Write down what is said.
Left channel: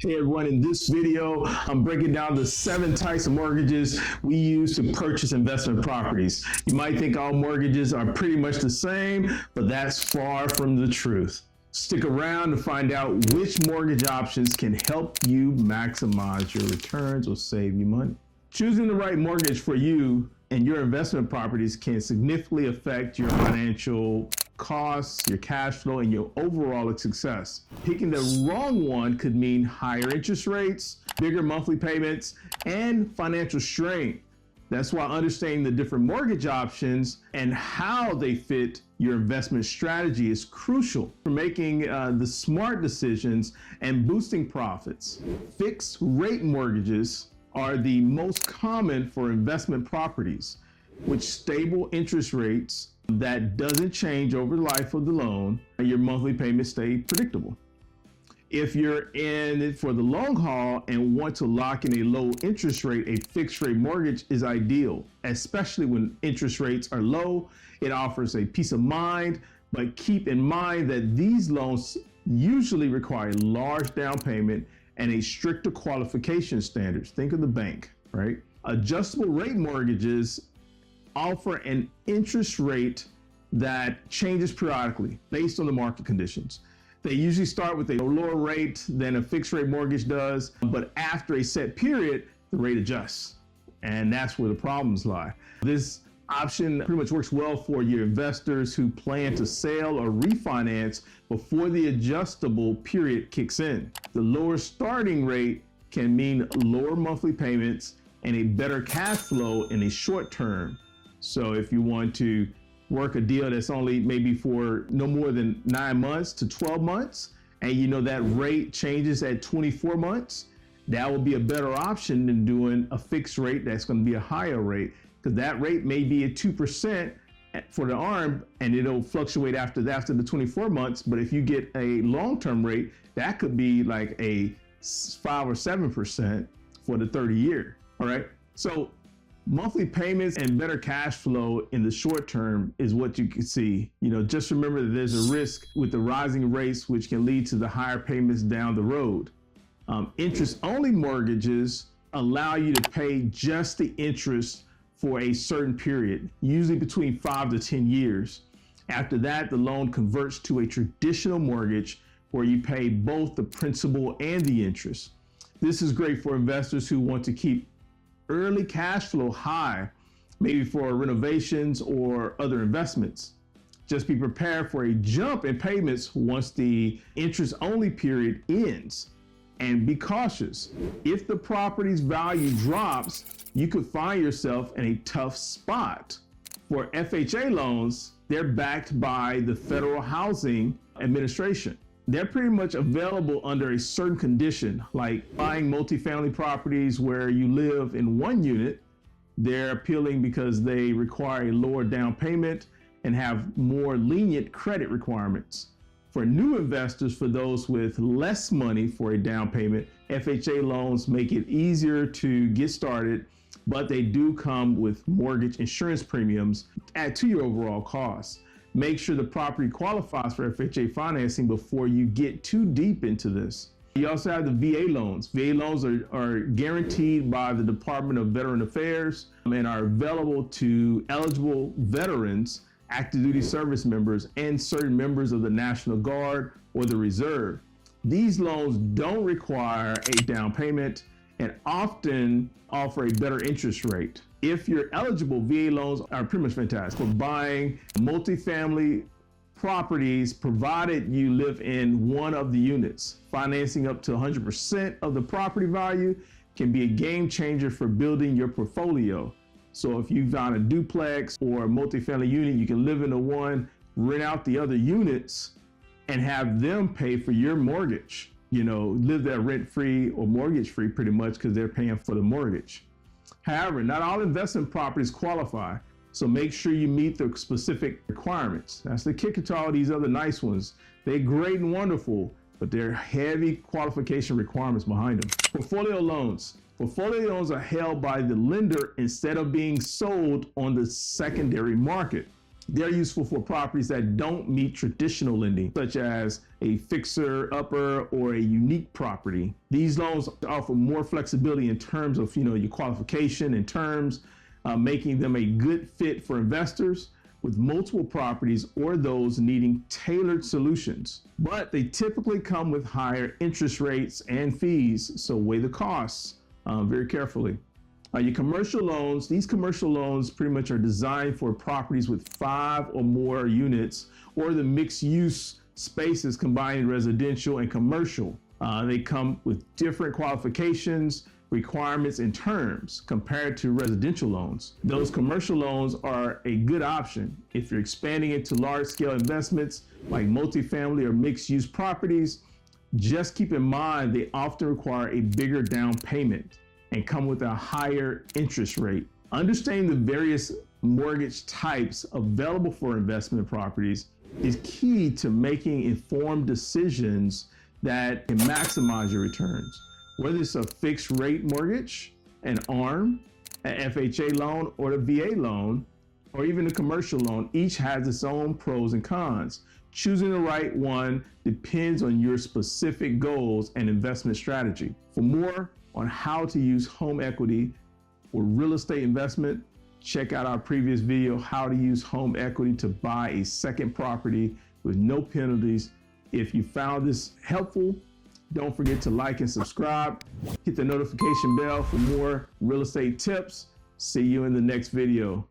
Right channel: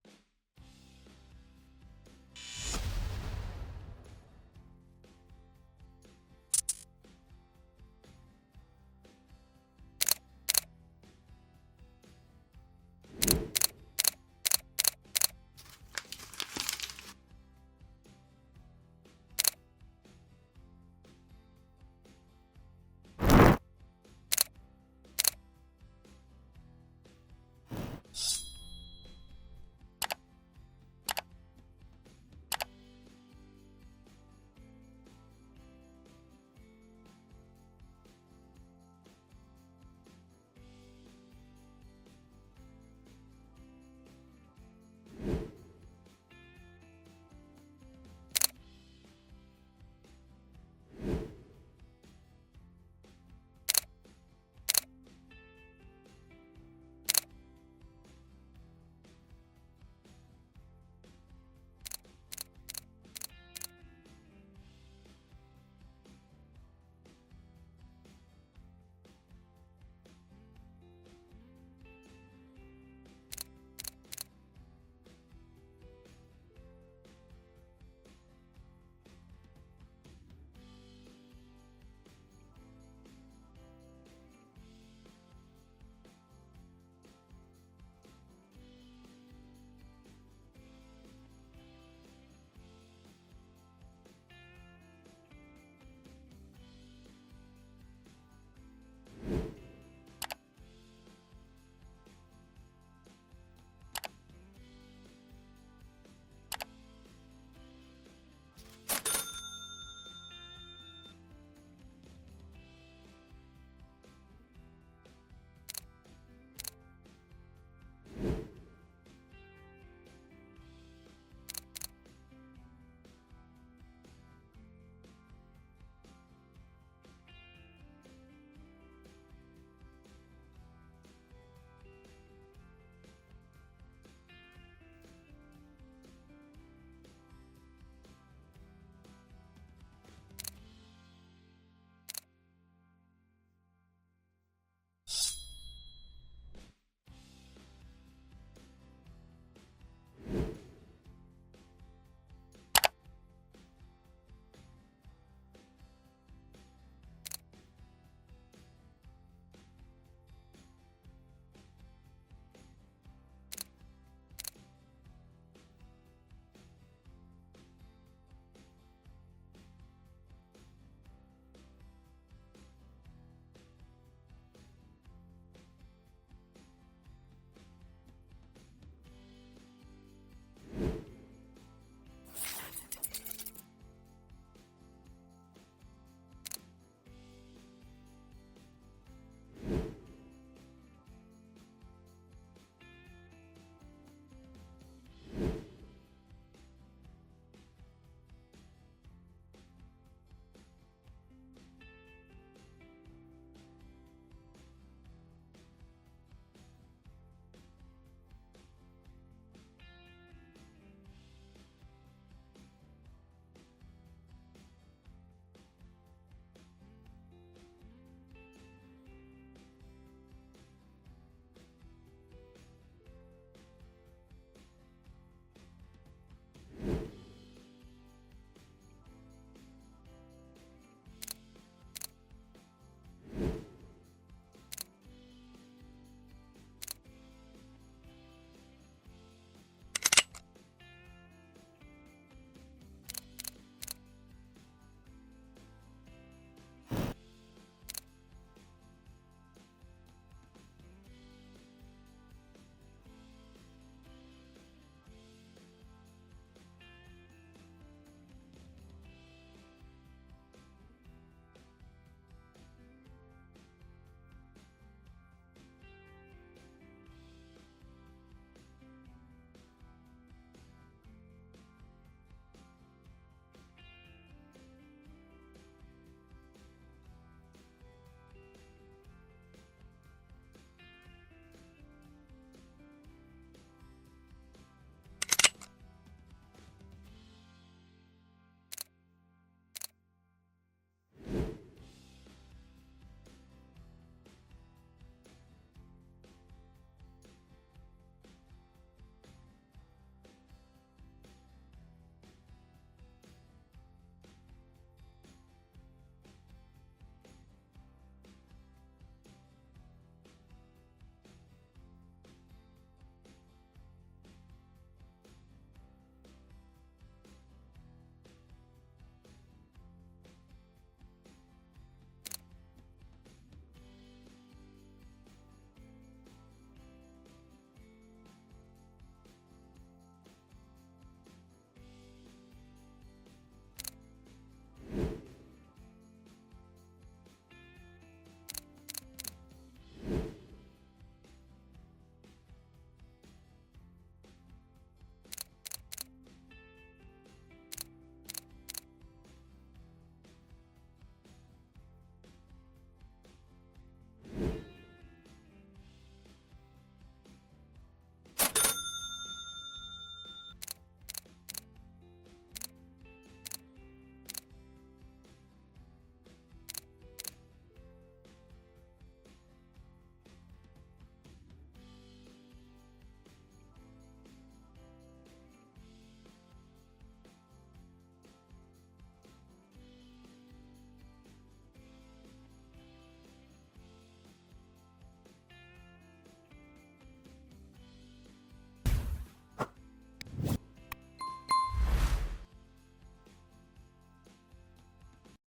Hey everyone, in this video, I'm breaking down the 7 types of mortgages we use to purchase investment properties. You might think all mortgages are pretty much the same, but that's far from the truth. Stick around to find out which mortgage options can help you maximize your returns or save you money. Choosing the right mortgage for you and your investment properties can significantly affect your financial costs, your cash flow, and your overall success. Picking the wrong one could mean higher interest rates, bigger monthly payments, and financial strain. That's why understanding the different mortgage options and how they fit your investment strategy is crucial for making the smart decisions and boosting profits. Fixed rate mortgages are the most common for investment properties, with stable interest rates that doesn't change over the life of the loan, and your monthly payments stay predictable. If you're in it for the long haul and want to lock in a low interest rate, a fixed rate mortgage is ideal, especially when interest rates are low. It offers a peace of mind, but keep in mind that these loans usually require large down payment and a stricter qualification standards. Think of the bank, right? Adjustable rate mortgages offer an interest rate that changes periodically based on the market conditions. They usually start with a lower rate than a fixed rate mortgage does, but after a set period, the rate adjusts. And that's where the problems lie. This option pretty much works well for your investors who plan to sell or refinance before the adjustable period kicks in. The lower starting rate can mean lower monthly payments and a better cash flow in a short term. So if you want to work a deal that's only maybe for no more than 9 months to 12 months, and you know that rate changes at 24 months, that will be a better option than doing a fixed rate that's going to be a higher rate, because that rate may be at 2% for the ARM, and it'll fluctuate after the 24 months. But if you get a long-term rate, that could be like a 5 or 7% for the 30-year. All right. So monthly payments and better cash flow in the short term is what you can see. You know, just remember that there's a risk with the rising rates, which can lead to the higher payments down the road. Interest-only mortgages allow you to pay just the interest for a certain period, usually between 5 to 10 years. After that, the loan converts to a traditional mortgage where you pay both the principal and the interest. This is great for investors who want to keep early cash flow high, maybe for renovations or other investments. Just be prepared for a jump in payments once the interest-only period ends. And be cautious. If the property's value drops, you could find yourself in a tough spot. For FHA loans, they're backed by the Federal Housing Administration. They're pretty much available under a certain condition, like buying multifamily properties where you live in one unit. They're appealing because they require a lower down payment and have more lenient credit requirements. For new investors, for those with less money for a down payment, FHA loans make it easier to get started, but they do come with mortgage insurance premiums add to your overall costs. Make sure the property qualifies for FHA financing before you get too deep into this. You also have the VA loans. VA loans are guaranteed by the Department of Veteran Affairs and are available to eligible veterans, active duty service members, and certain members of the National Guard or the Reserve. These loans don't require a down payment and often offer a better interest rate. If you're eligible, VA loans are pretty much fantastic for buying multifamily properties, provided you live in one of the units. Financing up to 100% of the property value can be a game changer for building your portfolio. So if you found a duplex or a multifamily unit, you can live in the one, rent out the other units, and have them pay for your mortgage. You know, live there rent-free or mortgage-free pretty much, because they're paying for the mortgage. However, not all investment properties qualify, so make sure you meet the specific requirements. That's the kicker to all these other nice ones. They're great and wonderful, but there are heavy qualification requirements behind them. Portfolio loans. Portfolio loans are held by the lender instead of being sold on the secondary market. They're useful for properties that don't meet traditional lending, such as a fixer-upper or a unique property. These loans offer more flexibility in terms of your qualification and terms, making them a good fit for investors with multiple properties or those needing tailored solutions. But they typically come with higher interest rates and fees, so weigh the costs very carefully. Your commercial loans, these commercial loans pretty much are designed for properties with 5 or more units or the mixed use spaces combining residential and commercial. They come with different qualifications, requirements, and terms compared to residential loans. Those commercial loans are a good option if you're expanding into large-scale investments like multifamily or mixed-use properties. Just keep in mind they often require a bigger down payment and come with a higher interest rate. Understanding the various mortgage types available for investment properties is key to making informed decisions that can maximize your returns. Whether it's a fixed rate mortgage, an ARM, an FHA loan, or the VA loan, or even a commercial loan, each has its own pros and cons. Choosing the right one depends on your specific goals and investment strategy. For more on how to use home equity for real estate investment, check out our previous video, how to use home equity to buy a second property with no penalties. If you found this helpful, don't forget to like and subscribe. Hit the notification bell for more real estate tips. See you in the next video.